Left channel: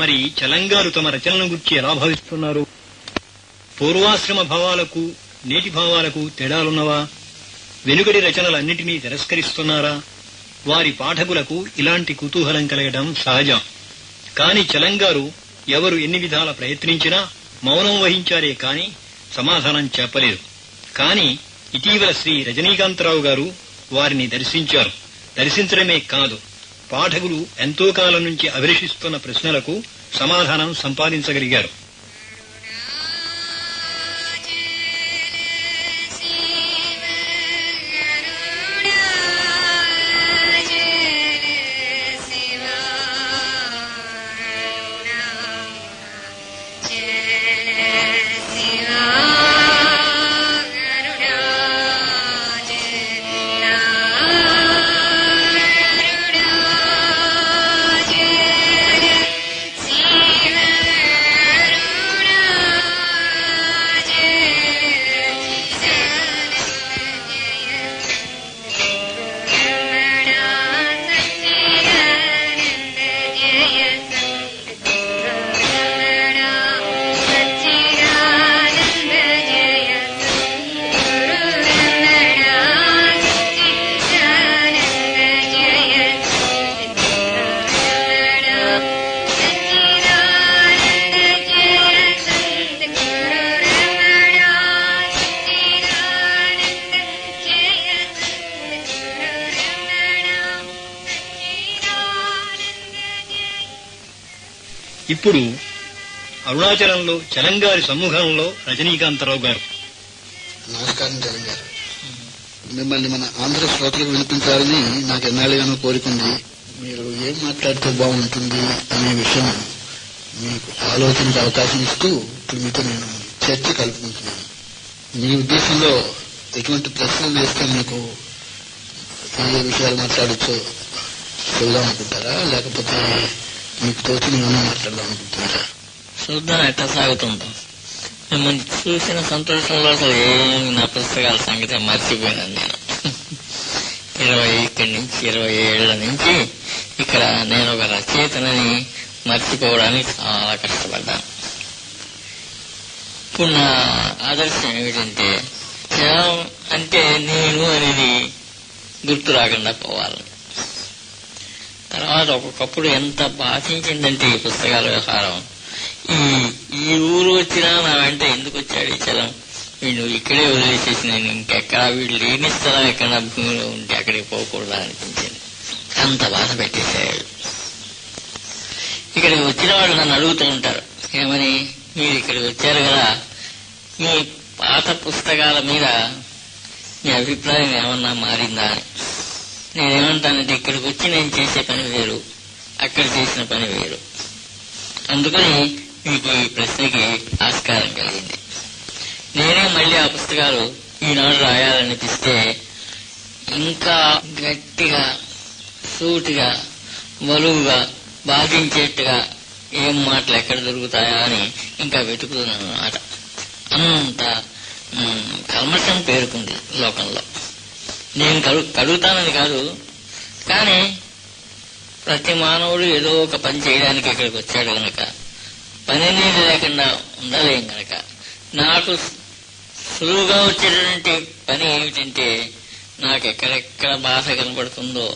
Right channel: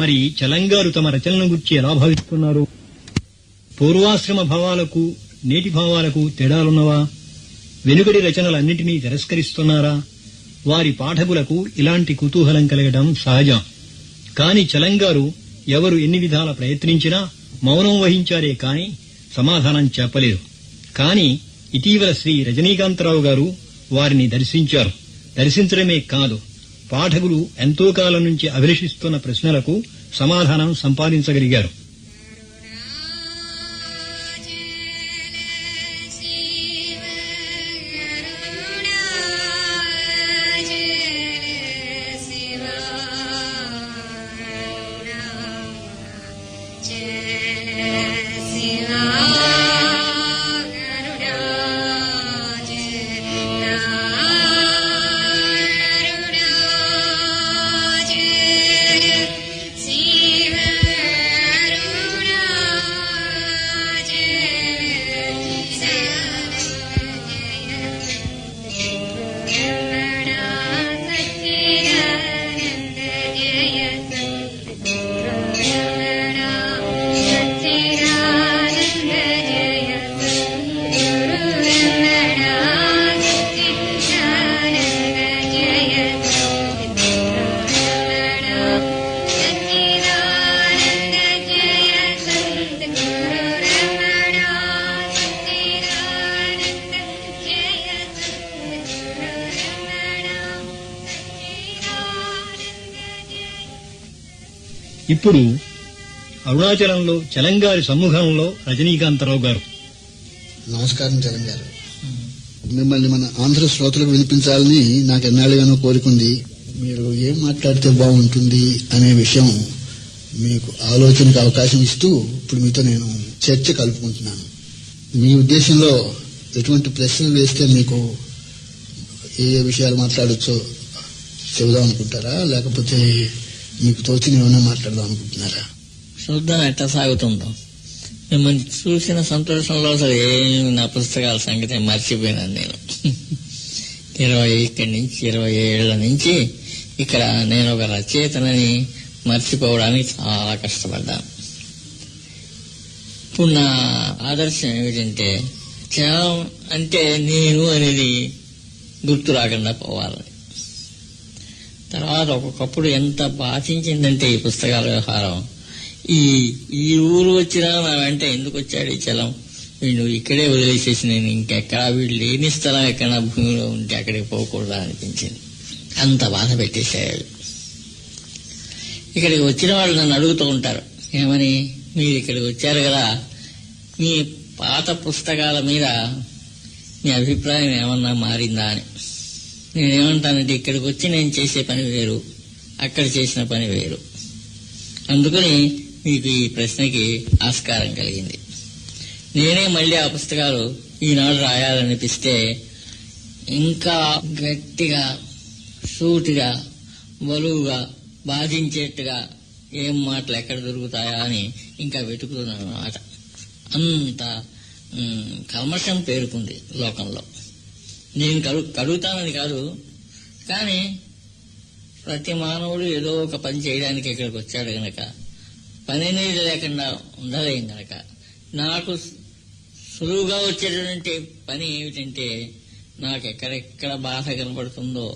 మరి చలంగారు తమ రచనలను గురించి ఎలా భావిస్తున్నారు? పూర్వాశ్రమ భావాలకు నేటి భావాలకు తేడాలున్నవా? వెనుకటి రచనలన్నింటినీ తిరస్కరిస్తున్నారా? వారి పాఠకులకు ఇలాంటి కుతూహలం కలగడం సహజం. కాని చలంగారు ఎవరు ఎన్ని విధాల ప్రయత్నించినా మౌనం వహించారే కాని సమాధానం చెప్పలేదు. కాని ఇటీవల శ్రీ రజనీకాంతరావు గారు వారిని దర్శించారు. దర్శించడమే కాదు, పాఠకులు ఎంతో కాలం నుంచి అభిలషిస్తున్న ప్రశ్నలకు సమాధానం సంపాదించగలిగారు. ఇప్పుడు అరుణాచలంలో చలంగారి సమ్ముఖంలో రజనీకాంతరావు గారు. నమస్కారం చలంగారు. మిమ్మల్ని మన ఆంధ్ర శ్రోతలకు వినిపించాలని నాకు ఎన్నాళ్ళుగానో కోరికుంది. మీరు ఏం మాట్లాడితే బాగుంటుంది అనే విషయం మీకు ఆలోచనకు అవకాశం ఇస్తూ ఇప్పుడు మీతో నేను చర్చ కలుపుకుంటున్నాను. మీ ఉద్దేశంలో ఎటువంటి ప్రశ్నలు వేస్తే మీకు ఏ విషయాలు మాట్లాడచ్చో చెబుదాం అనుకుంటారా, లేకపోతే మీకు తోచిన ఏమైనా మాట్లాడదాం అనుకుంటున్నారా? చూద్దాం ఎట్లా సాగుతుందో. మిమ్మల్ని చూసిన సంతోషంలో అసలు ఏమి నా పుస్తకాల సంగతి మర్చిపోయినాను నేను. 20 ఏళ్ల నుంచి ఇక్కడ నేను ఒక రచయితనని మర్చిపోవడానికి చాలా కష్టపడ్డాను. ఇప్పుడు నా ఆదర్శం ఏమిటంటే జనం అంటే నేను అనేది గుర్తు రాకుండా పోవాలి. తర్వాత ఒక్కొక్కప్పుడు ఎంత బాధించిందంటే ఈ పుస్తకాల వ్యవహారం, ఈ ఊరు వచ్చినా నా వెంట ఎందుకు వచ్చాడు ఈ చలం, వీళ్ళు ఇక్కడే వదిలేసేసి నేను ఇంకెక్కడ వీళ్ళు లేని స్థలం ఎక్కడ భూమిలో ఉంటే అక్కడికి పోకూడదా అనిపించింది. అంత బాధ పెట్టేశాడు. ఇక్కడికి వచ్చిన వాళ్ళు నన్ను అడుగుతూ ఉంటారు, ఏమని, మీరు ఇక్కడికి వచ్చారు కదా, మీ పాత పుస్తకాల మీద మీ అభిప్రాయం ఏమన్నా మారిందా అని. నేనేమంటానంటే ఇక్కడికి వచ్చి నేను చేసే పని వేరు, అక్కడ చేసిన పని వేరు. అందుకని మీకు ఈ ప్రశ్నకి ఆస్కారం కలిగింది. నేనే మళ్ళీ ఆ పుస్తకాలు ఈనాడు రాయాలనిపిస్తే ఇంకా గట్టిగా, సూటిగా, బలువుగా, బాధించేట్టుగా ఏం మాటలు ఎక్కడ దొరుకుతాయా అని ఇంకా వెతుకుతున్నాను అన్నమాట. అంత కల్మషం పేరుకుంది లోకంలో. నేను కడుగుతానని కాదు, కానీ ప్రతి మానవుడు ఏదో ఒక పని చేయడానికి ఇక్కడికి వచ్చాడు గనక, పని అనేది లేకుండా ఉండలేం గనక, నాకు సులువుగా వచ్చేటువంటి పని ఏమిటంటే, నాకు ఎక్కడెక్కడ బాధ కనబడుతుందో,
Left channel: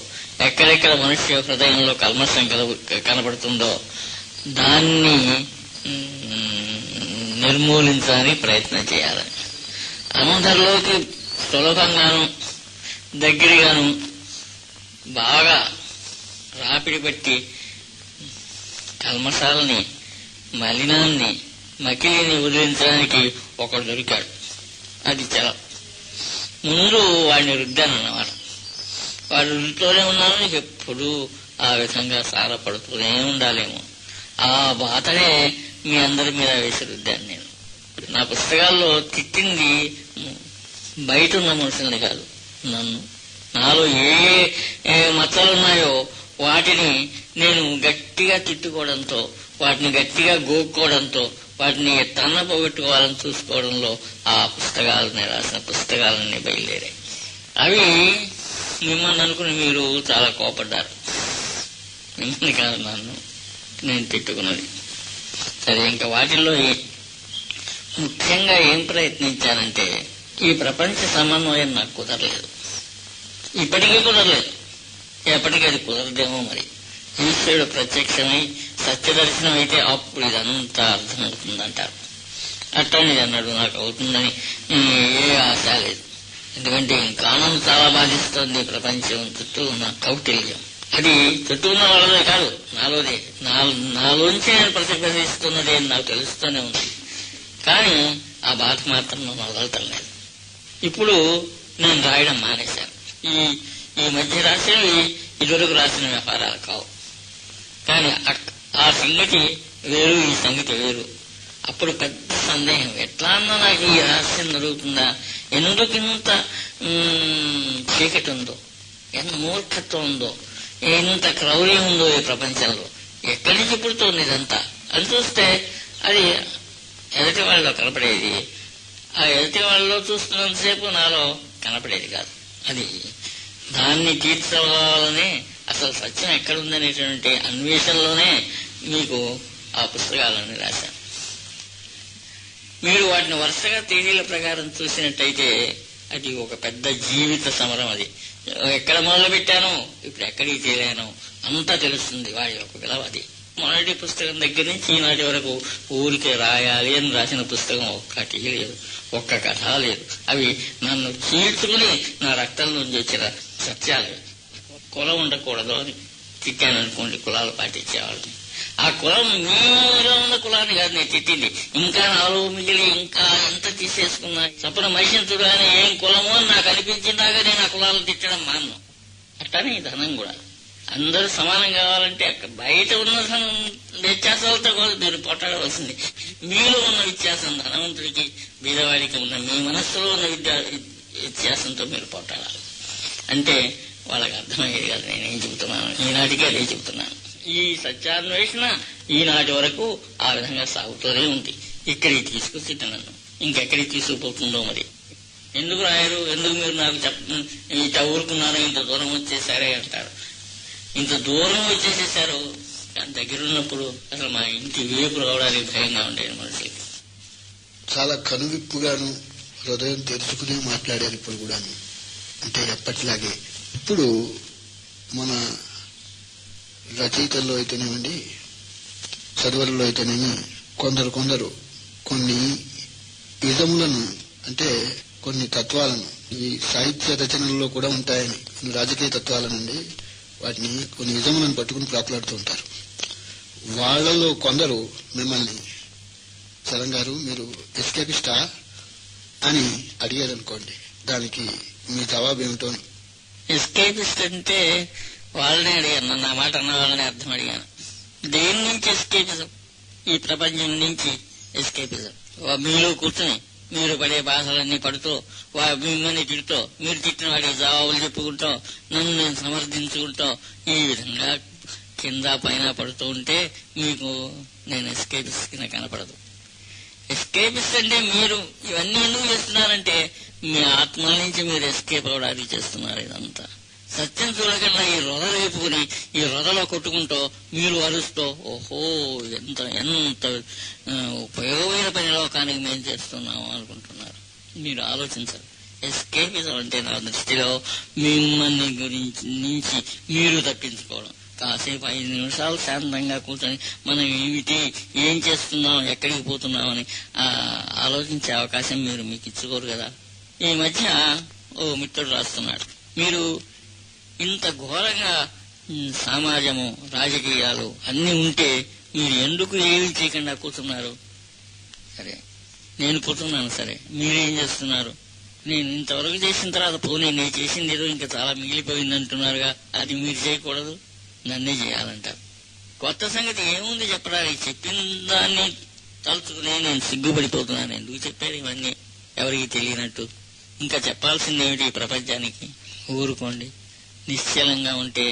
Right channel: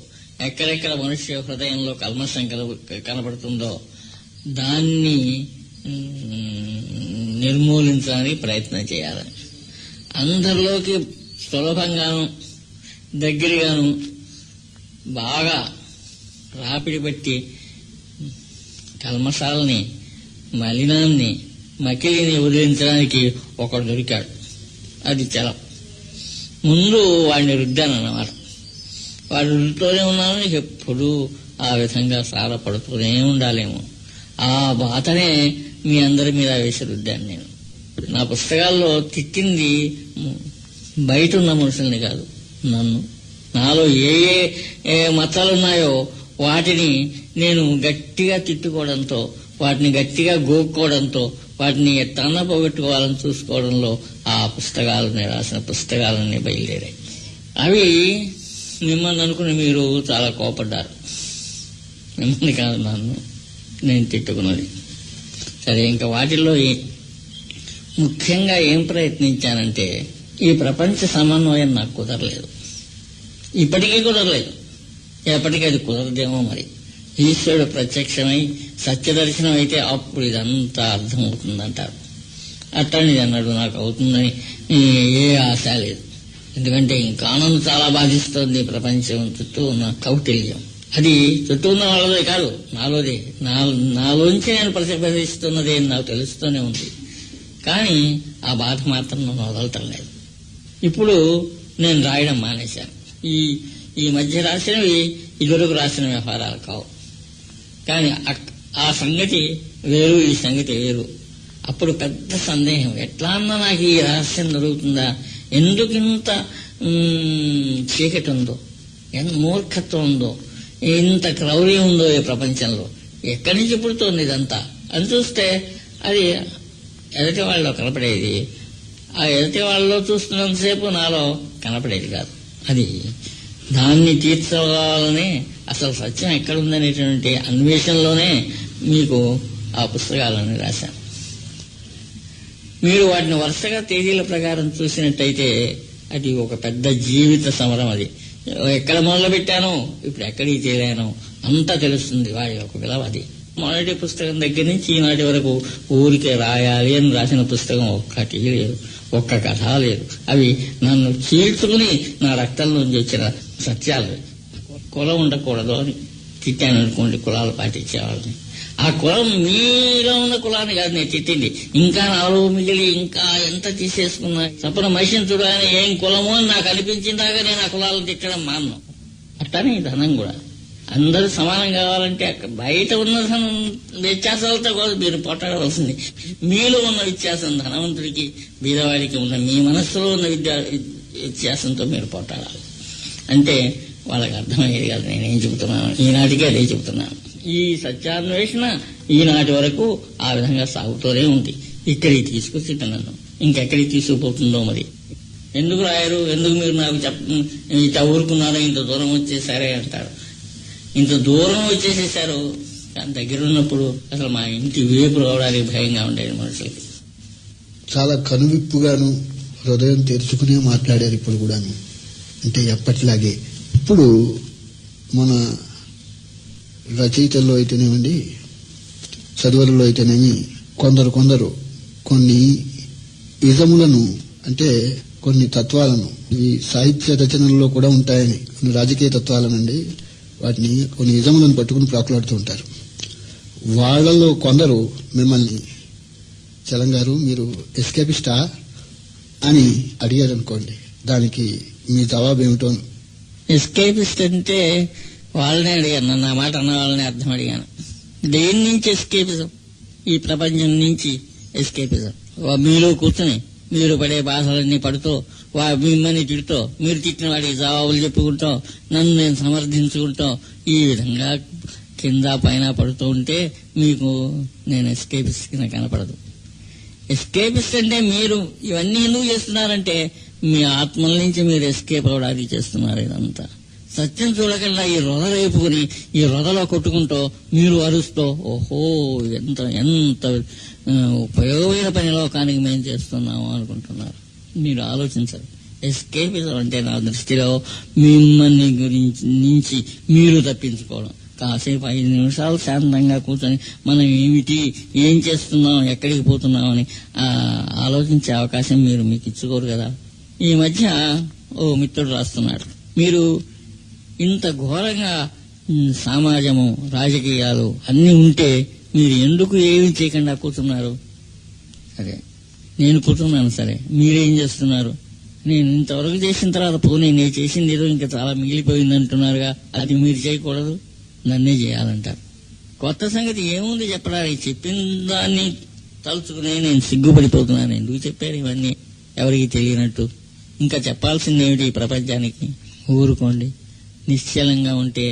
ఎక్కడెక్కడ మనుష్య హృదయంలో కల్మషం కనబడుతుందో దాన్ని నిర్మూలించడానికి ప్రయత్నం చేయాలని. అందరిలోకి సులభంగాను దగ్గరగాను బాగా రాపిడి బట్టి కల్మషాలని, మలినాన్ని, మకిలిని వదిలించడానికి ఒకడు దొరికాడు. అది చలం. ముందు వాడిని రుద్దానన్నమాట. వాడు రుద్దుతూనే ఉన్నాను, ఎప్పుడు ఆ విధంగా సారపడుతూనే ఉండాలేమో. ఆ బాధనే మీ అందరి మీద వేసి రుద్దాను నేను. నా పుస్తకాల్లో తిట్టింది బయట ఉన్న మనుషుల్ని కాదు, నన్ను. నాలో ఏ మచ్చలున్నాయో వాటిని నేను గట్టిగా తిట్టుకోవడంతో, వాటిని గట్టిగా గోక్కోవడంతో, వాటిని తన్న పోగొట్టుకోవాలని చూసుకోవడంలో ఆ పుస్తకాలని, రాసిన పుస్తకాలన్నీ బయలుదేరాయి. అవి మిమ్మల్ని అనుకుని మీరు చాలా కోపడ్డారు. మిమ్మల్ని కాదు, నన్ను. నేను తిట్టుకున్నది. సరే, ఇంకా వాటిల్లో ముఖ్యంగా ఏం ప్రయత్నించానంటే ఈ ప్రపంచ సమన్వయం నాకు కుదరలేదు, ఇప్పటికీ కుదరలేదు, ఎప్పటికీ అది కుదరదేమో. మరి ఈశ్వరుడు ప్రత్యక్షమై సత్యదర్శనం అయితే అప్పుడు ఇదంతా అర్థమవుతుందంటారు. అట్టని అన్నాడు, నాకు అవుతుందని ఏ ఆశ లేదు. ఎందుకంటే ఇంకా నన్ను చాలా బాధిస్తోంది ప్రపంచం చుట్టూ ఉన్న కౌటిల్యం. అది చుట్టూ ఉన్న వాళ్ళదే కాదు, నాలోదే, నాలోంచి నేను ప్రతిఫలిస్తున్నది అని నాకు తెలుస్తూనే ఉంది. కానీ ఆ బాధ మాత్రం నన్ను వదలటలేదు. ఇప్పుడు నేను రాయడం మానేశాను. ఈ మధ్య రాసినవి ఇదివరకు రాసిన వ్యవహారాలు కావు. కానీ ఆ సంగతి వేరు, ఈ సంగతి వేరు. అప్పుడు పెద్ద సందేహం, ఎట్లా అన్నా నాకు ఈ రహస్యం దొరుకుతుందా, ఎందుకు ఇంత చీకటి ఉందో, ఎంత మూర్ఖత్వం ఉందో, ఇంత క్రౌర్యం ఉందో ఈ ప్రపంచంలో, ఎక్కడి నుంచి పుడుతోంది ఇదంతా అని చూస్తే అది ఎదుటి వాళ్ళలో కనపడేది. ఆ ఎదుటి వాళ్ళలో చూస్తున్నంతసేపు నాలో కనపడేది కాదు. అది దాన్ని తీర్చవాలని అసలు సత్యం ఎక్కడుందనేటువంటి అన్వేషణలోనే మీకు ఆ పుస్తకాలను రాశాను. మీరు వాటిని వరుసగా తేదీల ప్రకారం చూసినట్టయితే అది ఒక పెద్ద జీవిత సమరం. అది ఎక్కడ మొదలు పెట్టానో ఇప్పుడు ఎక్కడికి తేలానో అంతా తెలుస్తుంది వాడి యొక్క విలువ. అది మొదటి పుస్తకం దగ్గర నుంచి ఈనాటి వరకు ఊరికే రాయాలి అని రాసిన పుస్తకం ఒక్కటి లేదు, ఒక్క కథ లేదు. అవి నన్ను చీల్చుకుని నా రక్తం నుంచి వచ్చిన సత్యాలు. కులం ఉండకూడదు అని తిట్టాను అనుకోండి, కులాలు పాటించేవాళ్ళని. ఆ కులం మీలో ఉన్న కులాన్ని కాదు నేను తిట్టింది, ఇంకా నాలో మిగిలి ఇంకా ఎంత తీసేసుకున్నా తప్పన మనిషిని చూడాలని ఏం కులమో అని నాకు అనిపించిందాక నేను ఆ కులాలను తిట్టడం మాను. అట్లానే ఈ ధనం కూడా అందరూ సమానం కావాలంటే బయట ఉన్న వ్యత్యాసాలతో కాదు మీరు పోట్లాడవలసింది. మీలో ఉన్న వ్యత్యాసం ధనవంతుడికి బీదవాడికి ఉన్న మీ మనస్సులో ఉన్న వ్యత్యాసంతో మీరు పోట్లాడాలి. అంటే వాళ్ళకి అర్థమయ్యేది కాదు నేనేం చెబుతున్నాను. ఈనాటికి అదే చెబుతున్నాను. ఈ సత్యాన్వేషణ ఈనాటి వరకు ఆ విధంగా సాగుతూనే ఉంది. ఇక్కడికి తీసుకొచ్చి నన్ను ఇంకెక్కడికి తీసుకుపోతుందో మరి. ఎందుకు రాయరు, ఎందుకు మీరు నాకు ఇట్లా ఊరుకున్నారో, ఇంత దూరం వచ్చేసారే అంటారు. ఇంత దూరం వచ్చేసేసారు, కానీ దగ్గర ఉన్నప్పుడు అసలు మా ఇంటి వేపు రావడానికి భయంగా ఉండేది మనుషులకి. చాలా కనువిప్పుగాను హృదయం తెరుచుకునే మాట్లాడారు ఇప్పుడు కూడాను. అంటే ఎప్పటిలాగే ఇప్పుడు మన రచయితల్లో అయితేనేమండి, చదువులలో అయితేనేమి కొందరు కొన్ని ఇజములను, అంటే కొన్ని తత్వాలను, ఈ సాహిత్య రచనల్లో కూడా ఉంటాయని, కొన్ని రాజకీయ తత్వాలనండి, వాటిని కొన్ని ఇజములను పట్టుకుని ప్రాకులాడుతూ ఉంటారు. వాళ్లలో కొందరు మిమ్మల్ని చలం గారు మీరు ఎస్కేపిస్టా అని అడిగారు అనుకోండి, దానికి మీ జవాబు ఏమిటో. ఎస్కేపిస్ట్ అంటే వాళ్ళనే అడిగాను, నా మాట అన్న వాళ్ళని అర్థం అడిగాను. దేని నుంచి ఎస్కేపిజం? ఈ ప్రపంచం నుంచి ఎస్కేపిజం. మీలో కూర్చుని మీరు పడే బాధలన్నీ పడుతూ, మిమ్మల్ని తిడుతూ, మీరు తిట్టిన వాడికి జవాబులు చెప్పుకుంటూ, నన్ను నేను సమర్థించుకుంటూ, ఈ విధంగా కింద పైన పడుతూ ఉంటే మీకు నేను ఎస్కేపిస్ట్ కింద కనపడదు. ఎస్కేపిస్ట్ అంటే మీరు ఇవన్నీ ఎందుకు చేస్తున్నారంటే మీ ఆత్మల నుంచి మీరు ఎస్కేప్ అవడానికి చేస్తున్నారు. ఇదంతా సత్యం చూడకుండా ఈ రొద రేపుకుని ఈ రొదలో కొట్టుకుంటూ మీరు అరుస్తూ, ఓహో ఎంత ఉపయోగమైన పని లోకానికి మేము చేస్తున్నాము అనుకుంటున్నారు. మీరు ఆలోచించరు. ఎస్కేపిజం అంటే నా దృష్టిలో మిమ్మల్ని నుంచి మీరు తప్పించుకోవడం. కాసేపు 5 నిమిషాలు శాంతంగా కూర్చొని మనం ఏమిటి, ఏం చేస్తున్నాం, ఎక్కడికి పోతున్నామని ఆలోచించే అవకాశం మీకు ఇచ్చుకోరు కదా. ఈ మధ్య ఓ మిత్రుడు రాస్తున్నాడు, మీరు ఇంత ఘోరంగా సమాజము, రాజకీయాలు అన్నీ ఉంటే మీరు ఎందుకు ఏమీ చేయకుండా కూర్చున్నారు? సరే నేను కూర్చున్నాను, సరే మీరేం చేస్తున్నారు? నేను ఇంతవరకు చేసిన తర్వాత పోనీ నేను చేసింది ఏదో ఇంకా చాలా మిగిలిపోయింది అంటున్నారుగా, అది మీరు చేయకూడదు, నన్నే చేయాలంటారు. కొత్త సంగతి ఏముంది చెప్పడానికి? చెప్పిన దాన్ని తలుచుకుని నేను సిగ్గుపడిపోతున్నాను. ఎందుకు చెప్పారు ఇవన్నీ ఎవరికి తెలియనట్టు? ఇంకా చెప్పాల్సింది ఏమిటి ఈ ప్రపంచానికి? ఊరుకోండి, నిశ్చలంగా ఉంటే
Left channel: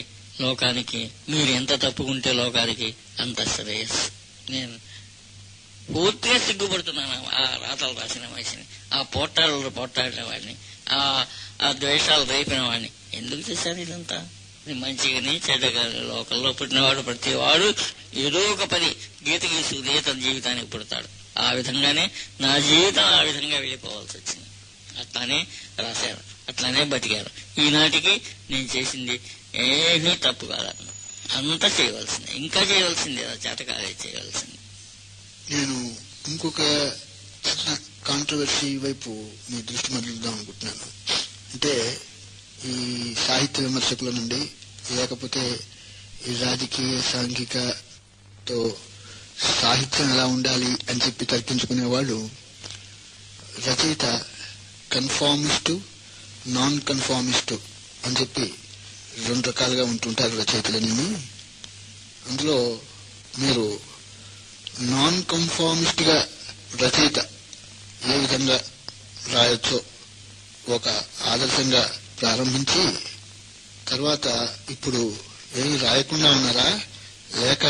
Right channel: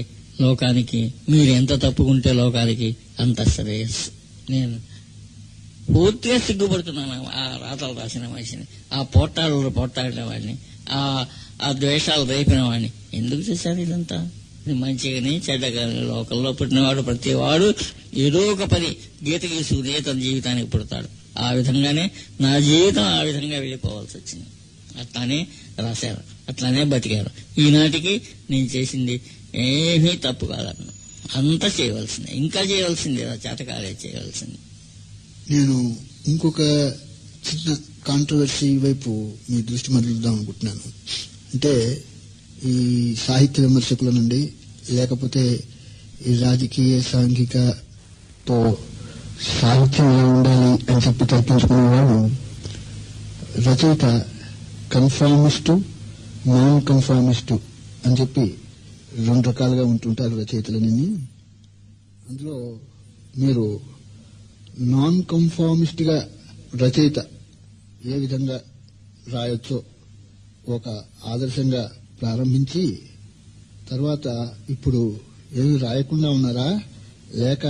లోకానికి, మీరు ఎంత తప్పుకుంటే లోకానికి అంత శ్రేయస్సు. నేను పూర్తిగా సిగ్గుపడుతున్నాను ఆ రాతలు రాసిన మనిషిని, ఆ పోట్లాడిన వాడిని, ఆ ద్వేషాలు రేపిన వాడిని. ఎందుకు చేశారు ఇదంతా? మంచిగాని చెడ్డగాని లోకంలో పుట్టినవాడు ప్రతివాడు ఏదో ఒక పని గీత గీసుకునే తన జీవితానికి పుడతాడు. ఆ విధంగానే నా జీవితం ఆ విధంగా వెళ్ళిపోవాల్సి వచ్చింది. అట్లానే రాశారు, అట్లానే బతికారు. ఈనాటికి నేను చేసింది ఏమీ తప్పు కాదన్న, అంతా చేయవలసిందే, ఇంకా చేయవలసిందే, చేతకాలే చేయవలసింది. నేను ఇంకొక చిన్న కాంట్రవర్సీ వైపు మీ దృష్టి మరలుద్దాం అనుకుంటున్నాను. అంటే ఈ సాహిత్య విమర్శకుల నుండి, లేకపోతే ఈ రాజకీయ సాంఘికతో సాహిత్యం ఎలా ఉండాలి అని చెప్పి తర్కించుకునే వాళ్ళు రచయిత కన్ఫార్మిస్టు, నాన్ కన్ఫార్మిస్టు అని చెప్పి 2 రకాలుగా ఉంటుంటారు రచయితలని. అందులో మీరు నాన్ కన్ఫార్మిస్ట్ గా రచయిత ఏ విధంగా రాయొచ్చో ఒక ఆదర్శంగా ప్రారంభించి, తర్వాత ఇప్పుడు ఏమి రాయకుండా ఉన్నారా, లేక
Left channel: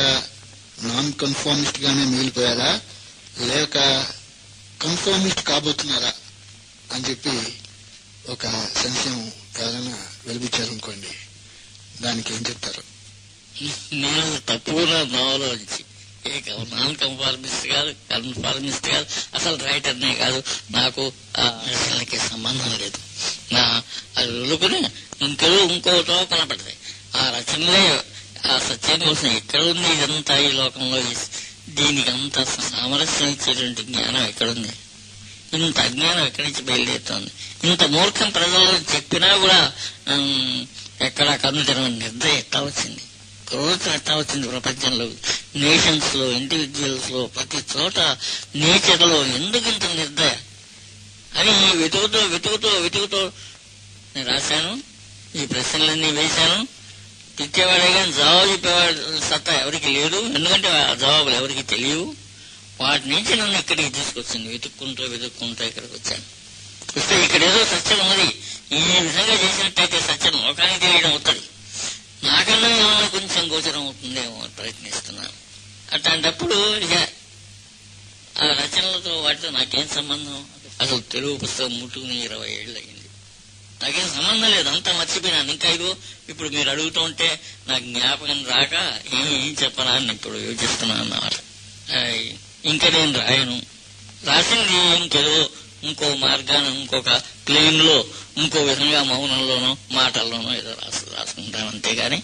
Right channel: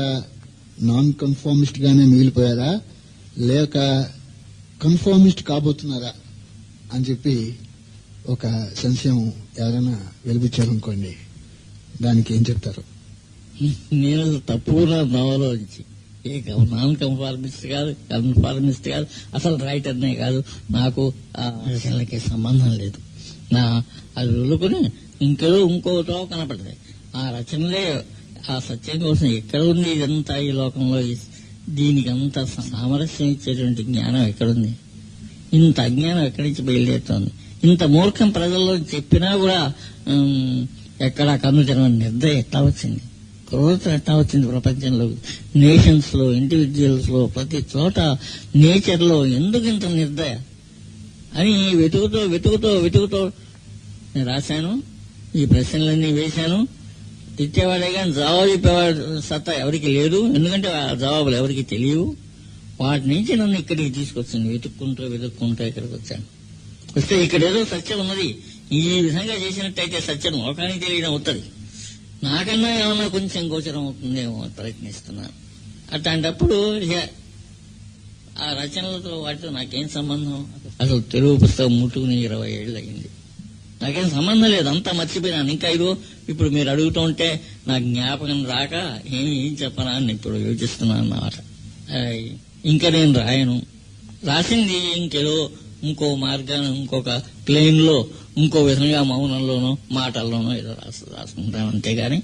నాన్ కన్ఫార్మిస్ట్ గానే మిగిలిపోయారా, లేక కన్ఫార్మిస్ట్ కాబోతున్నారా అని చెప్పి ఒక సంశయం ఎవరైనా వెలిపించారనుకోండి, దానికి ఏం చెప్తారు? నేను తప్పుగా నవలోంచి నాన్ కన్ఫార్మిస్ట్ కాదు, కన్ఫార్మిస్ట్ కాదు, అసలు రైటర్నే కాదు, నాకు ఆ రచనలకి సంబంధం లేదు. నా అది వదులుకుని ఇంకోటో కనపడతాయి ఆ రచనలే. ఆ సత్యం కోసం ఎక్కడ ఉంది ఇదంతా ఈ లోకంలో? దీనికి అంత సామరస్యం ఇచ్చేటువంటి జ్ఞానం ఎక్కడుంది? ఇంత అజ్ఞానం ఎక్కడి నుంచి బయలుదేరుతోంది? ఇంత మూర్ఖం ప్రజల్లో చెప్పినా కూడా ఎక్కడా కన్ను తెరవని నిర్దయ ఎట్లా వచ్చింది? క్రోధం ఎట్లా వచ్చింది ప్రపంచంలో? నేషన్స్ లో, ఇండివిజువల్స్ లో, ప్రతి చోట నేచర్ లో ఎందుకు ఇంత నిర్దయ అని వెతుకుతూ నేను రాశాను. ఈ ప్రశ్నలన్నీ వేశాను. తిట్టేవాడే కానీ జవాబు చెప్పేవాడు సత్తా ఎవరికి లేదు. ఎందుకంటే ఆ జవాబులు ఎవరికి తెలియవు. వాటి నుంచి నన్ను ఇక్కడికి తీసుకొచ్చింది. వెతుక్కుంటూ ఇక్కడికి వచ్చాను. వస్తే ఇక్కడ ఏదో సత్యం ఉన్నది, ఈ విధంగా చేసినట్టయితే సత్యం లోకానికి తెలియడం అవుతుంది, నాకన్నా ఏమన్నా కొంచెం గోచరం అవుతుందేమో ప్రయత్నిస్తున్నాను. అట్లాంటప్పుడు ఇక ఆ రచనలతో వాటితో నాకేం సంబంధం? అసలు తెలుగు పుస్తకం ముట్టుకుని 20 ఏళ్ళు అయింది, నాకేం సంబంధం లేదు, అంతా మర్చిపోయినాను. ఇంకా ఇప్పుడు మీరు అడుగుతూ ఉంటే నాకు జ్ఞాపకం రాక ఏం చెప్పనా అని ఇప్పుడు యోచిస్తున్నాను అన్నమాట. ఇంకా నేను రాయను. రాసింది ఇంకేదో ఇంకో మార్గాన్ని, ఇంకొక ప్లేన్ లో, ఇంకో విధంగా మౌనంలోనో మాటల్లోనో ఏదో రాసుకుంటాను. అంతేగాని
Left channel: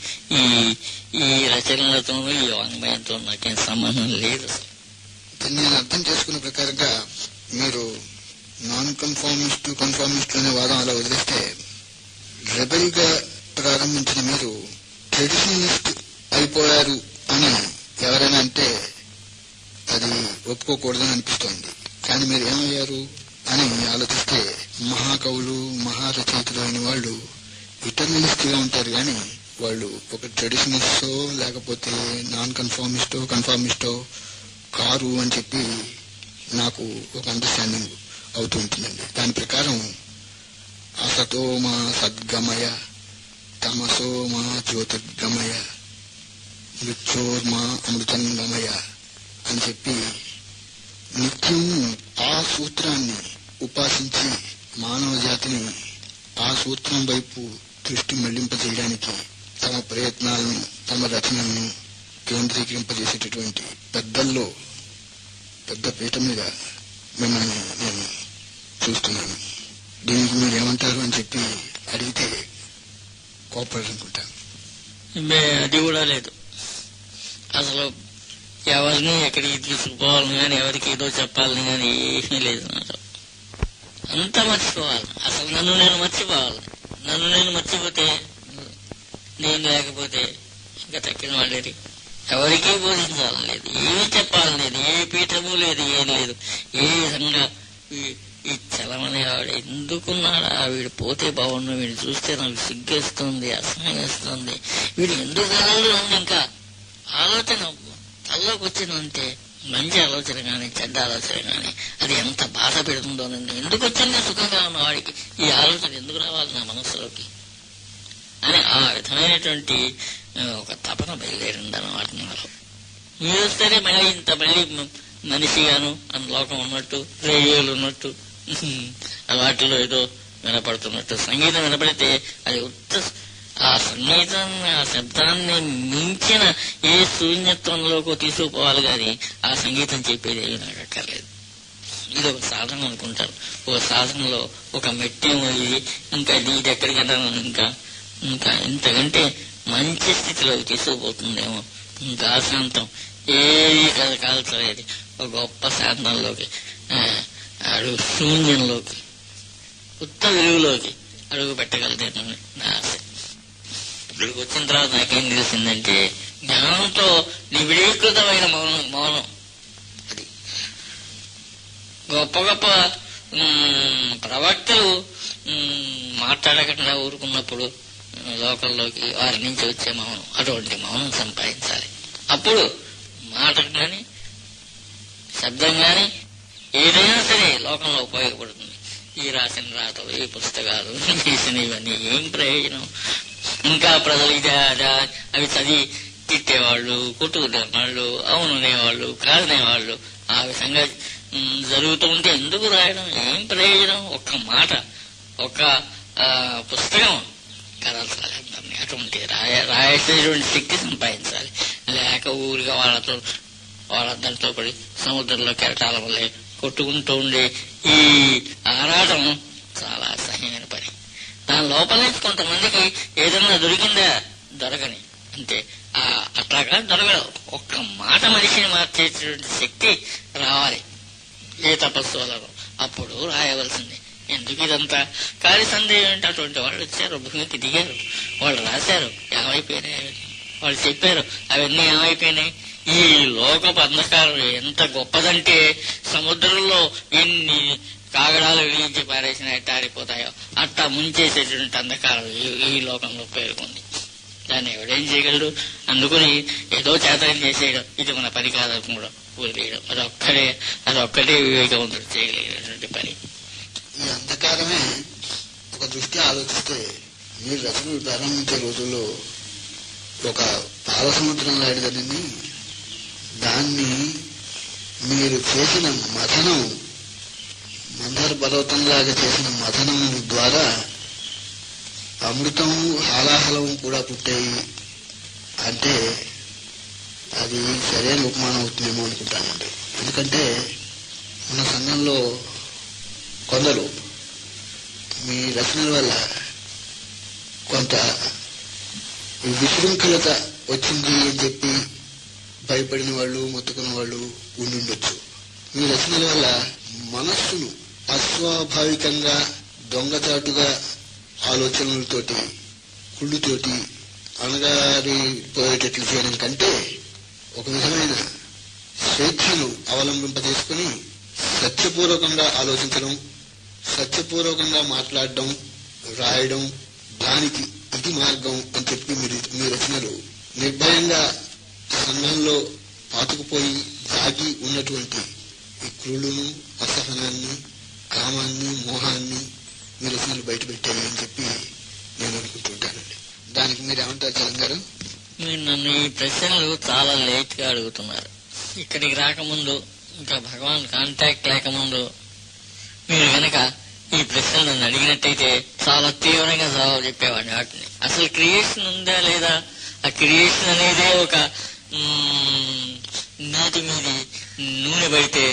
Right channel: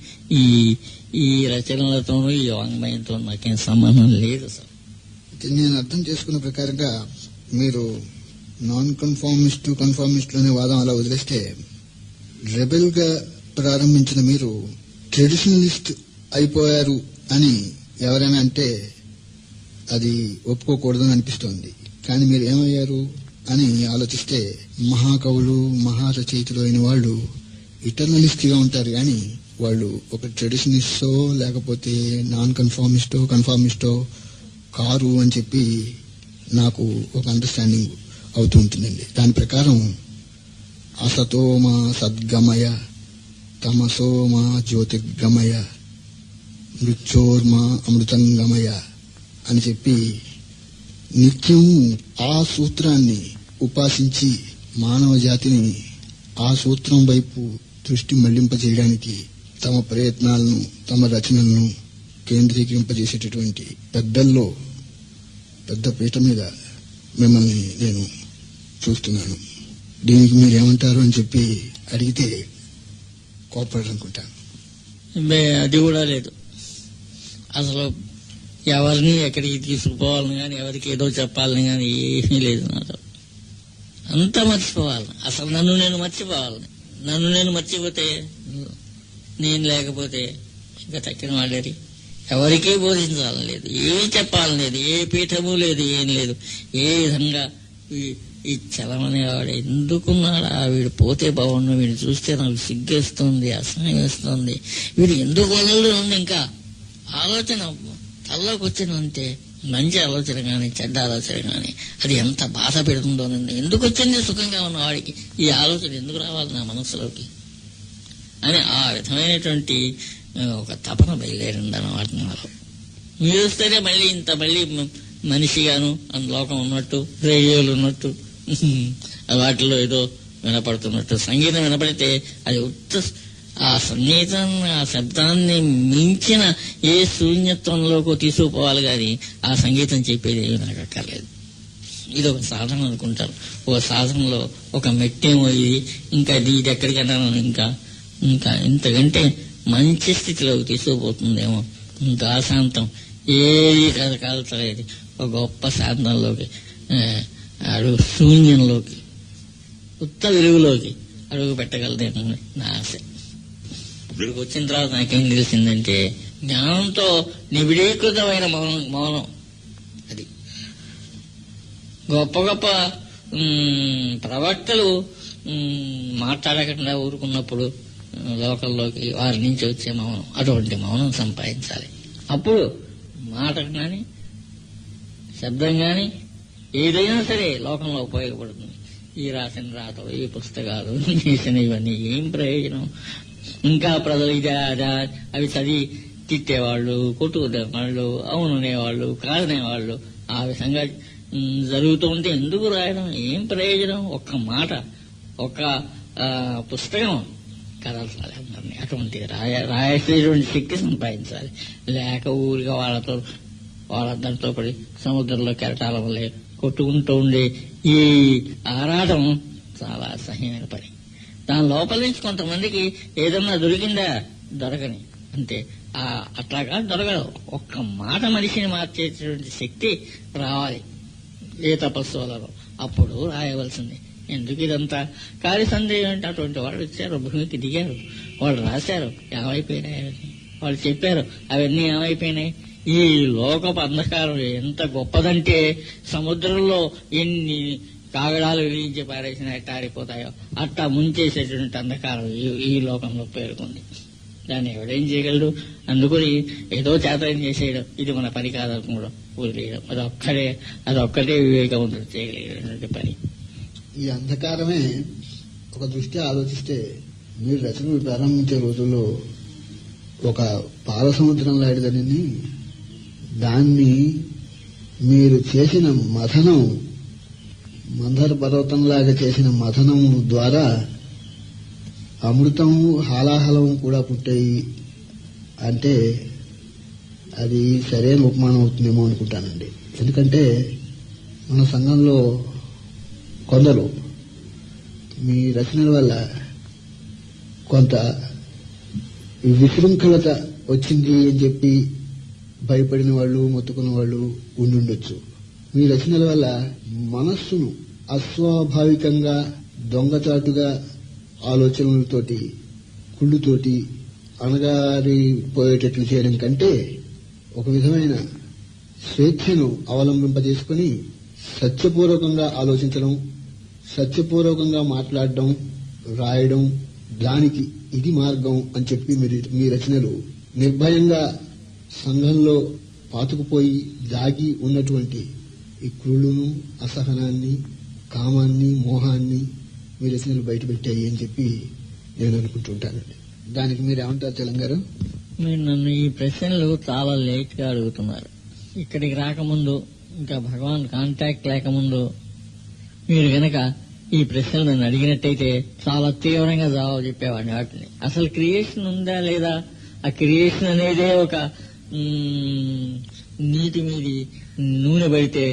ఈ రచనలతోనూ ఈ వాంగ్మయంతో నాకేం సంబంధం లేదు. నేను అర్థం చేసుకున్న ప్రకారంగా మీరు నాన్ కన్ఫార్మిస్ట్, కన్ఫార్మిస్ట్ అనే వాదం అలా వదిలేస్తే, రెబెల్ గా ప్రారంభించిన మీరు ట్రెడిషనలిస్ట్ అయిపోయారు అని ఎవరైనా అంటే అది ఒప్పుకోకూడదని అనిపిస్తోంది. కానీ మీరు ఏమయ్యారు అని ఆలోచిస్తే, మహాకవులు, మహారచయితలు అయిన వాళ్ళు ఇటర్నలిస్ట్ గా ఉంటారు, కానీ వాళ్ళు ఒక ట్రెడిషనలిస్టో లేకపోతే నాన్ కన్ఫార్మిస్టో కన్ఫార్మిస్టో కారు అని చెప్పి నాకు ఒక అండర్స్టాండింగ్ అవుతూ ఉంటుందండి. దాని ప్రకారం అసతో మా సద్గమయ, తమసో మా జ్యోతిర్గమయ, మృత్యోర్మా అమృతంగమయ అని చెప్పి నిత్యం ఆ సూత్రాన్ని ఉపాసించి మానవ జాతిని ఆ సూత్రం వైపు దృష్టి మళ్లింపజేయడానికి తమ ప్రయత్నాలను, తమ రచనలను కేంద్రీకరింపజేసేటటువంటి పెద్దల్లో పెద్ద పీట మీద మిమ్మల్ని నేను చూస్తున్నాను. దీనికి మీరేమంటారు అని చెప్పి అడిగితే కోపడనుకుంటాను. అది కూడా లేదు. అసలు ఎవరిని ఎక్కడికి తీసుకుపోవాలని కానీ, ఎవరికి ఏదో చెప్పాలని కానీ ఏమీ లేదు. నాతో అంతా మర్చిపోవాలి. అసలు నన్ను నేను మర్చిపోవాలి. నన్ను నేను మర్చిపోతే, నేను లేకపోతే ఇంకా తక్కిన వాళ్ళేది. ఎవరికీ బోధించాలని లేదు, ఏం చెప్పాలని లేదు, ఏ పీఠము లేదు, ఏం లేదు. ఏ విధంగా ఈ చలమనే ఆవిడ ఎందుకున్నాడా, వీడు పోతే బాగుండు, వీడు చూస్తే నాకు సిగ్గేస్తుంది, అసహ్యం వేస్తుంది, వీడు ఎందుకు వదలడు ఉంది. ఇంకా ఆలోచన తల్లోకి వచ్చిందంటే, మంచి ఆలోచన కానీ చెడ్డ ఆలోచన కానీ అది ఎంత బాధ పెడుతుందోనండి. ఎందుకు వచ్చింది సుఖంగా ఉన్న వాడికి ఈ ఆలోచన ఎందుకు రావాలి నా మనస్సులోకి అని ఆ విధమైనటువంటి ఒక తపన బయలుదేరింది అన్నమాట నాలో. మీరు వస్తేనే మళ్ళీ మనిషిగాను లోకం ఉన్నట్టు, రేడియోలు ఉన్నట్టు, వాటిలో ఏదో వినపడుతున్నట్టు. సంగీతం వినపడితే అది ఆ సంగీతం, ఆ శబ్దాన్ని మించిన ఏ శూన్యత్వంలోకి తీసుకుపోవాలి కానీ ఆ సంగీతం చెప్పేది ఏమి నాకు అక్కర్లేదు. ఇది ఒక సాధన అనుకుంటాను. ఒక సాధనలో ఒక మెట్టేమో ఇది, ఇంకా ఇది ఎక్కడికైనా ఇంకా ఇంకా ఇంతకంటే మంచి స్థితిలోకి తీసుకుపోతుందేమో, ఇంకా శాంతం ఏది కాల్చలేదు, ఒక గొప్ప శాంతంలోకి అడుగు, శూన్యంలోకి, ఉత్త వెలుగులోకి అడుగు పెట్టగలదేమో నా ఆశ. ఇక్కడికి వచ్చిన తర్వాత నాకేం తెలిసిందంటే, జ్ఞానంతో నిబిడీకృతమైన మౌనం అది. గొప్ప గొప్ప ప్రవక్తలు మాట్లాడకుండా ఊరుకున్నప్పుడు లోకల్లోకి వారి నుంచి వచ్చే మౌనం, అటువంటి మౌనం సంపాదించాలి. అప్పుడు మాట కానీ శబ్దం కానీ ఏదైనా సరే లోకంలో ఉపయోగపడుతుంది. ఈ రాసిన రాతలు, ఈ పుస్తకాలు, చేసిన ఇవన్నీ ఏం ప్రయోజనం? ఇంకా ప్రజలు ఇదే అదా అవి చదివి తిట్టేవాళ్ళు, కొట్టుకునేవాళ్ళు, అవుననేవాళ్ళు, కాదనేవాళ్ళు, ఆ విధంగా జరుగుతూ ఉంటే ఎందుకు రాయడం? ఏం ప్రయోజనం? ఒక్క మాట, ఒక పుస్తకం కదల్చాలి అందరినీ. అటువంటి రాసేటువంటి శక్తి సంపాదించాలి. లేక ఊరిగా వాళ్ళందరితో పడి సముద్రంలో కెరటాల వల్లే కొట్టుకుంటూ ఉండే ఈ ఆరాటం చాలా అసహ్యమైన పని. దాని లోపల నుంచి కొంతమందికి ఏదన్నా దొరికిందా? దొరకని అంతే. అట్లాగా దొరకదు. ఒక్క మాట మనిషిని మార్చేటువంటి శక్తి రావాలి ఏ తపస్సు వలన, అప్పుడు రాయవలసింది. ఎందుకు ఇదంతా కాలి సందేహం అంటే? అటువంటి వాళ్ళు వచ్చారు, భూమికి దిగారు, వాళ్ళు రాశారు, ఏమైపోయినాయి అవన్నీ, వాళ్ళు చెప్పారు, అవన్నీ ఏమైపోయినాయి? ఈ లోకపు అంధకారం ఎంత గొప్పదంటే, సముద్రంలో ఎన్ని కాగడాలు వెలిగించి పారేసిన ఎట్ట ఆరిపోతాయో అట్టా ముంచేసేటువంటి అంధకారం ఈ లోకంలో పేరుకుంది. దాన్ని ఎవడేం చేయగలడు? అందుకని ఏదో చేతనం చేసేయడం, ఇది మన పని కాదని కూడా వదిలేయడం, అదొక్కటే వివేకవంతుడు చేయగలిగినటువంటి పని. ఈ అంధకారమే ఒక దృష్టి ఆలోచిస్తే, మీరు రచనలు ప్రారంభించే రోజుల్లో ఒక పాల సముద్రం లాంటిదని, దాన్ని మీరు చేసిన మథనం, మందర పర్వతంలాగా చేసిన మథనం ద్వారా అమృతం హాలాహలం కూడా పుట్టాయి అంటే అది సరైన ఉపమానం అవుతుందేమో అనుకుంటానండి. ఎందుకంటే మన సంఘంలో కొందరు మీ రచనల వల్ల కొంత విశృంఖలత వచ్చింది అని చెప్పి భయపడిన వాళ్ళు, మొత్తుకున్న వాళ్ళు ఉండుండొచ్చు. మీ రచనల వల్ల మనస్సును అస్వాభావికంగా, దొంగచాటుగా ఆలోచనలతోటి, కుళ్ళుతోటి అణగారిపోయేటట్లు చేయడం కంటే ఒక విధమైన స్వేచ్ఛను అవలంబింపజేసుకుని సత్యపూర్వకంగా ఆలోచించడం, సత్యపూర్వకంగా మాట్లాడడం, రాయడం, దానికి ఇది మార్గం అని చెప్పి మీ రచనలు నిర్భయంగా సంఘంలో పాతుకుపోయి దాగి ఉన్నటువంటి ఈ క్రూలును, అసహనాన్ని, కామాన్ని, మోహాన్ని మీ రచనలు బయటపెట్టాయి అని చెప్పి నేను అనుకుంటుంటానండి. దానికి మీరు ఏమంటారు చలం గారు? మీరు నన్ను ఈ ప్రశ్నలు చాలా లేట్ గా అడుగుతున్నారు. ఇక్కడికి రాకముందు, ఇంకా భగవాన్ కాంటాక్ట్ లేకముందు మీరు గనక ఈ ప్రశ్నలు నన్ను అడిగినట్టయితే చాలా తీవ్రంగా జవాబు చెప్పేవాడిని. వాటిని అసలు క్రియేషన్ ఉందా లేదా, ఆ క్రియేషన్ అనేదే ఒక నీటి మీది నూనె పడితే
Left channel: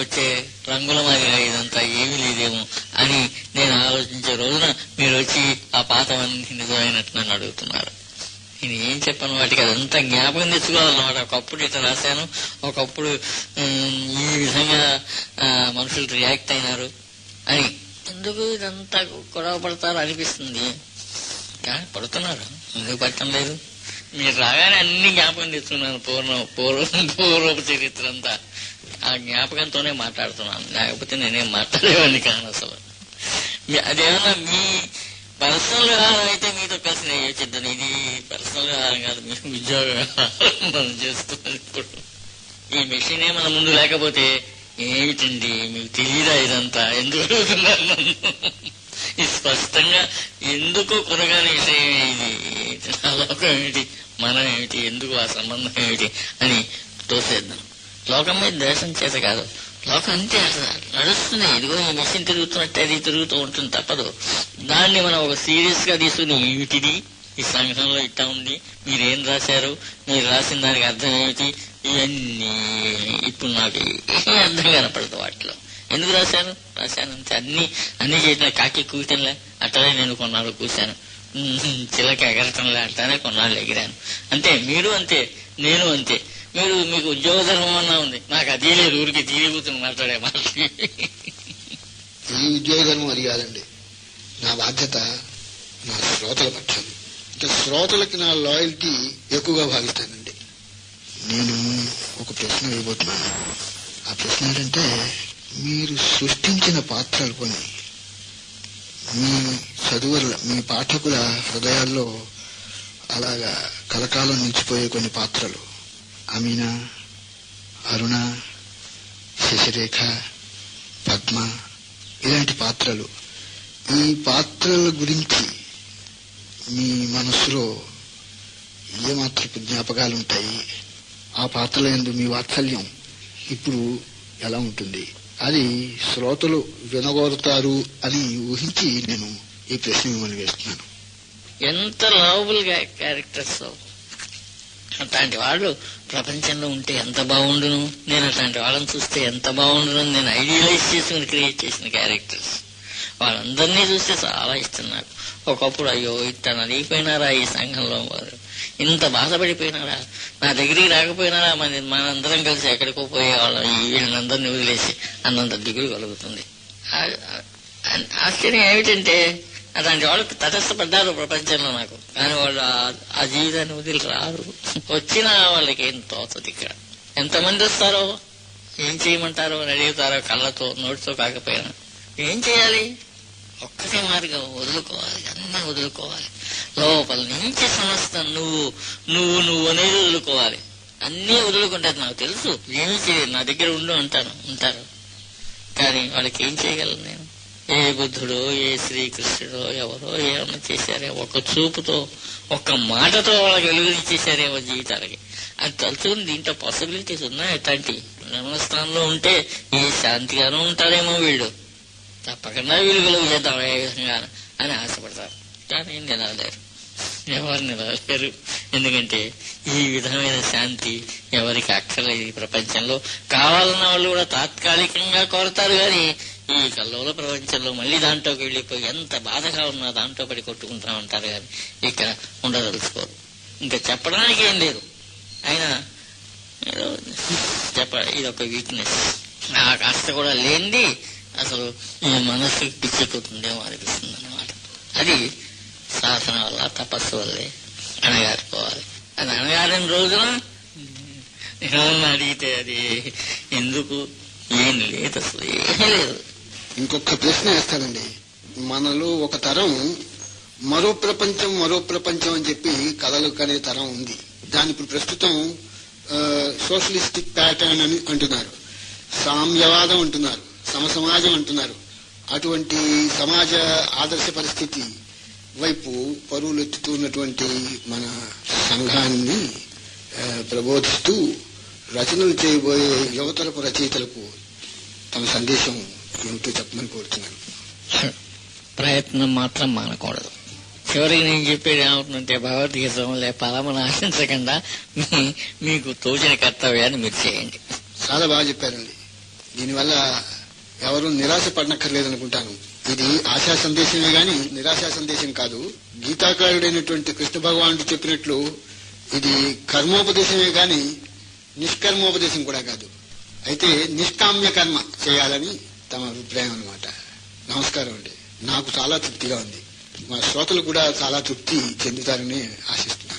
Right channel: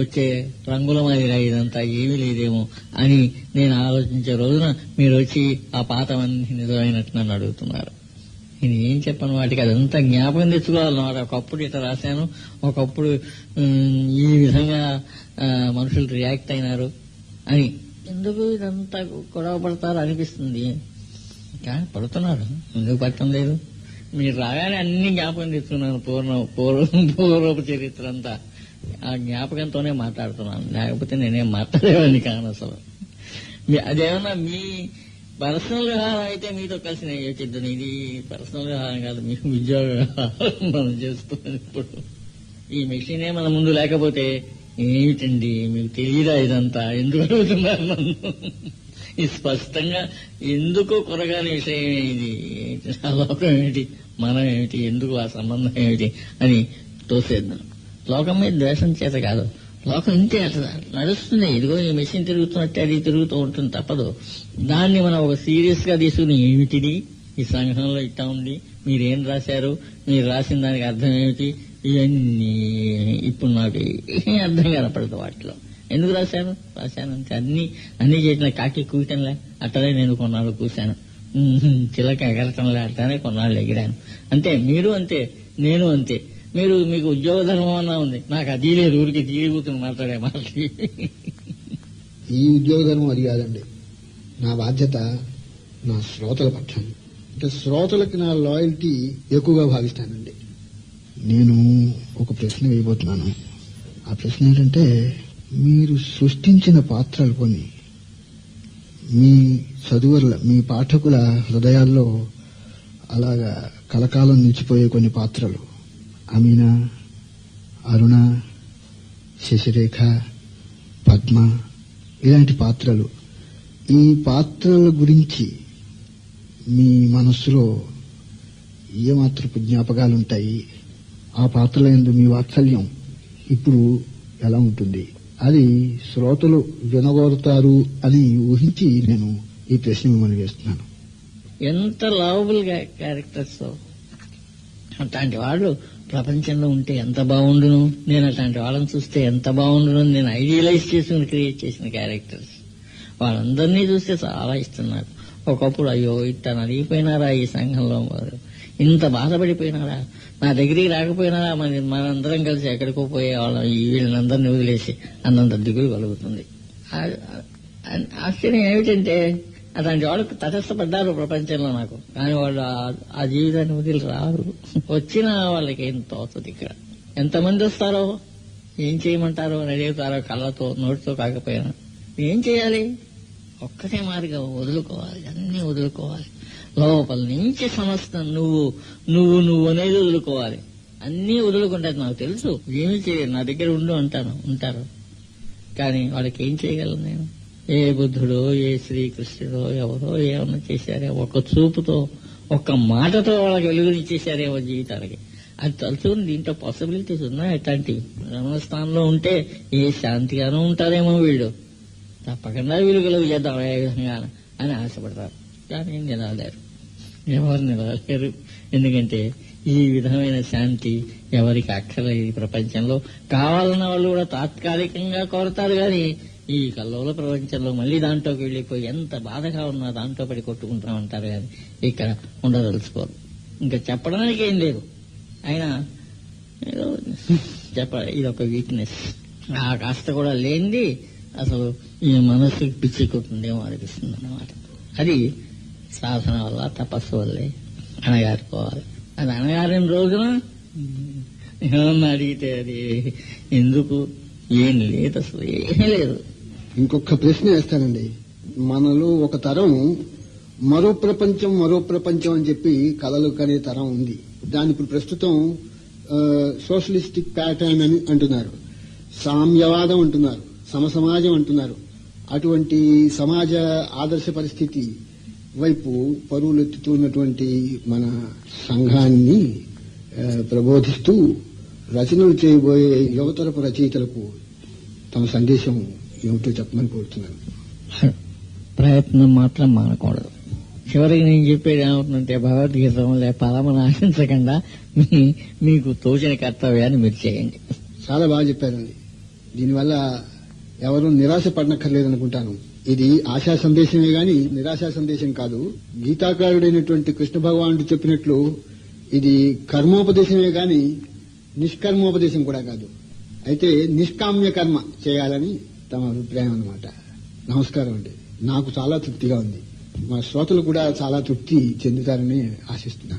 వచ్చే రంగుల మాదిరిగా ఇదంతా ఏమీ లేదేమో అని నేను ఆలోచించే రోజున మీరు వచ్చి ఆ పాతవన్నీ నిజమైనట్టు నన్ను అడుగుతున్నారు. నేను ఏం చెప్పాను? వాటికి అదంతా జ్ఞాపకం తెచ్చుకోవాలన్నమాట. ఒకప్పుడు ఇట్లా రాశాను, ఒకప్పుడు ఈ విధంగా మనుషులు రియాక్ట్ అయినారు అని. ఎందుకు ఇదంతా గొడవ పడతారు అనిపిస్తుంది, కానీ పడుతున్నారు. ఎందుకు పట్టడం లేదు? మీరు రాగానే అన్ని జ్ఞాపకం తెచ్చుకున్నాను, పూర్వపు చరిత్ర అంతా. ఆ జ్ఞాపకంతోనే మాట్లాడుతున్నాను, లేకపోతే నేనేం మాట్లాడేవాడిని కాను అసలు. అదేమన్నా మీ పర్సనల్ వ్యవహారం అయితే మీతో కలిసి నేను యోచిద్దాను. ఇది పర్సనల్ వ్యవహారం కాదు, మీ ఉద్యోగ వ్యవహారం మనం చేస్తున్నాం. ఇప్పుడు ఈ మెషినే మన ముందు లేకపోతే ఏమిటండి మీకు తెలియదా ఇదంతా? ఎందుకు అడుగుతున్నారు నన్ను? ఇది స్పష్టంగా ఎందుకు కొనగానే విషయం ఇది, లోకం ఏమిటి, మనం ఏమిటి, ఎందుకు ఆ సంబంధం ఏమిటి అని తోసేద్దాం. లోకం మీద ద్వేషం చేత కాదు, లోకం అంతే అట్లా నడుస్తుంది. ఇదిగో ఈ మెషిన్ తిరుగుతున్నట్టే అది తిరుగుతూ ఉంటుంది, తప్పదు. దాన్ని మనం ఒక సీరియస్ గా తీసుకుని ఏమిటిది, ఈ సంఘంలో ఇట్టా ఉంది, మీరేం రాశారు, మీరు రాసిన దానికి అర్థం ఏమిటి, ఇవన్నీ ఇప్పుడు నాకు అర్థం కనపడదు. వాటిలో ఎందుకు రాశాను అంతే. అన్ని చేసిన కాకి కూయటంలే అట్టనే నేను కొన్నాళ్ళు కూశాను, చిలక ఎగరటంలే అట్టనే కొన్నాళ్ళు ఎగిరాను. అంతే, మీరు అంతే, నేను అంతే. మీకు ఉద్యోగ ధర్మం అన్నా ఉంది, నాకు అదే లేదు. ఊరికి తీరిగుతుని మాట్లాడే మాటలు. ఈ ఉద్యోగ ధర్మం అది కాదండి. నా బాధ్యత నా శ్రోతల పక్షం. అంటే శ్రోతలకి నా లాయల్టీ ఎక్కువగా భావిస్తానండి. నేను ఒక ప్రశ్న వేయబోతున్నాను. ఆ ప్రశ్న ఏంటంటే, మీరు సృష్టించిన పాత్రలు కొన్ని మీ చదువుల, మీ పాఠకుల హృదయాల్లో అలాగా కలకాలం నిలిచిపోయే కొన్ని పాత్రలు, అమీనా, అరుణ, శశిరేఖ, పద్మ, ఇలాంటి పాత్రలు. ఈ పాత్రల గురించి మీ మనస్సులో ఏమాత్రపు జ్ఞాపకాలుంటాయి? ఆ పాత్రల యందు మీ వాత్సల్యం ఇప్పుడు ఎలా ఉంటుంది? అది శ్రోతలు వినగోరుతారు అని ఊహించి నేను ఈ ప్రశ్న మిమ్మల్ని వేస్తున్నాను. ఎంత లవబుల్ క్యారెక్టర్స్ అట్లాంటి వాళ్ళు ప్రపంచంలో ఉంటే ఎంత బాగుండును, నేను అట్లాంటి వాళ్ళని చూస్తే ఎంత బాగుండును, నేను ఐడియలైజ్ చేసుకుని క్రియేట్ చేసిన క్యారెక్టర్స్. వాళ్ళందరినీ చూస్తే చాలా ఇష్టం నాకు. ఒకప్పుడు అయ్యో ఇట్లా నలిగిపోయినారా ఈ సంఘంలో, వారు ఇంత బాధపడిపోయినారా, నా దగ్గరికి రాకపోయినారా, మనందరం కలిసి ఎక్కడికో పోయేవాళ్ళం వీళ్ళందరినీ వదిలేసి అన్నంత దిగులు కలుగుతుంది. ఆశ్చర్యం ఏమిటంటే అట్లాంటి వాళ్ళు తటస్థపడ్డారు ప్రపంచంలో నాకు, కానీ వాళ్ళు ఆ జీవితాన్ని వదిలి రారు. వచ్చినా వాళ్ళకి ఏం తోచదు. ఇక్కడ ఎంతమంది వస్తారో, ఏం చేయమంటారో అని అడుగుతారో, కళ్ళతో నోటితో కాకపోయినా. ఏం చేయాలి? ఒక్కటే మార్గం, వదులుకోవాలి, అన్నీ వదులుకోవాలి. లోపల నుంచి సమస్తం నువ్వు అనేది వదులుకోవాలి. అన్నీ వదులుకుంటే నాకు తెలుసు ఏమి చేయలేదు, నా దగ్గర ఉంటారు. కానీ వాళ్ళకి ఏం చేయగలను నేను? ఏ బుద్ధుడో, ఏ శ్రీకృష్ణుడో ఎవరో ఏమన్నా చేశారే, ఒక్క చూపుతో, ఒక్క మాటతో వాళ్ళకి వెలుగునిచ్చేశారేమో జీవితాలకి. అది తలుచుకుని దీంట్లో పాసిబిలిటీస్ ఉన్నాయి. ఎట్లాంటి స్థానంలో ఉంటే ఏ శాంతిగానూ ఉంటారేమో వీళ్ళు, తప్పకుండా వీళ్ళు కలుగు చేద్దాం ఏ విధంగా అని ఆశపడతారు. కానీ నిలవలేరు, ఎవరు నిలవలేరు. ఎందుకంటే ఈ విధమైన శాంతి ఎవరికి అక్కర్లేదు ఈ ప్రపంచంలో. కావాలన్న వాళ్ళు కూడా తాత్కాలికంగా కోరతారు, కానీ ఈ కల్లోల ప్రపంచంలో మళ్ళీ దాంట్లోకి వెళ్ళిపోయి ఎంత బాధగా ఉన్నా దాంట్లో పడి కొట్టుకుంటా ఉంటారు, కానీ ఇక్కడ ఉండదలుచుకోరు. ఇంకా చెప్పడానికి ఏం లేదు. అయినా ఇదొక వీక్నెస్. ఆ కాస్త కూడా లేనిది అసలు ఈ మనస్సుకి పిచ్చెక్కుతుందేమో అనిపిస్తుంది అన్నమాట. అది సాధన వల్ల, తపస్సు వల్లే అణగారిపోవాలి. అది అణగారిన రోజున ఏమన్నా అడిగితే అది ఎందుకు, ఏం లేదు, అసలు ఏమీ లేదు. ఇంకొక ప్రశ్న వేస్తానండి. మనలో ఒక తరం మరో ప్రపంచం అని చెప్పి కలలు కనే తరం ఉంది. దాని ఇప్పుడు ప్రస్తుతం సోషలిస్టిక్ ప్యాటర్న్ అని అంటున్నారు, సామ్యవాదం అంటున్నారు, సమసమాజం అంటున్నారు. అటువంటి సమాజ ఆదర్శ పరిస్థితి వైపు పరుగులెత్తుతున్నటువంటి మన సంఘాన్ని ప్రబోధిస్తూ రచనలు చేయబోయే యువతరపు రచయితలకు తమ సందేశం ఏమిటో చెప్పమని కోరుతున్నాను. ప్రయత్నం మాత్రం మానకూడదు. చివరికి నేను చెప్పేది ఏమవుతుందంటే, భగవద్గీత ఫలమును ఆశించకుండా మీకు తోచిన కర్తవ్యాన్ని మీరు చేయండి. చాలా బాగా చెప్పారండి. దీనివల్ల ఎవరు నిరాశ పడనక్కర్లేదనుకుంటాను. ఇది ఆశా సందేశమే గాని నిరాశా సందేశం కాదు. గీతాకారుడైనటువంటి కృష్ణ భగవానుడు చెప్పినట్లు ఇది కర్మోపదేశమే గాని నిష్కర్మోపదేశం కూడా కాదు. అయితే నిష్కామ్య కర్మ చేయాలని తమ అభిప్రాయం అన్నమాట. నమస్కారం అండి. నాకు చాలా తృప్తిగా ఉంది. మా శ్రోతలు కూడా చాలా తృప్తి చెందుతారని ఆశిస్తున్నాను.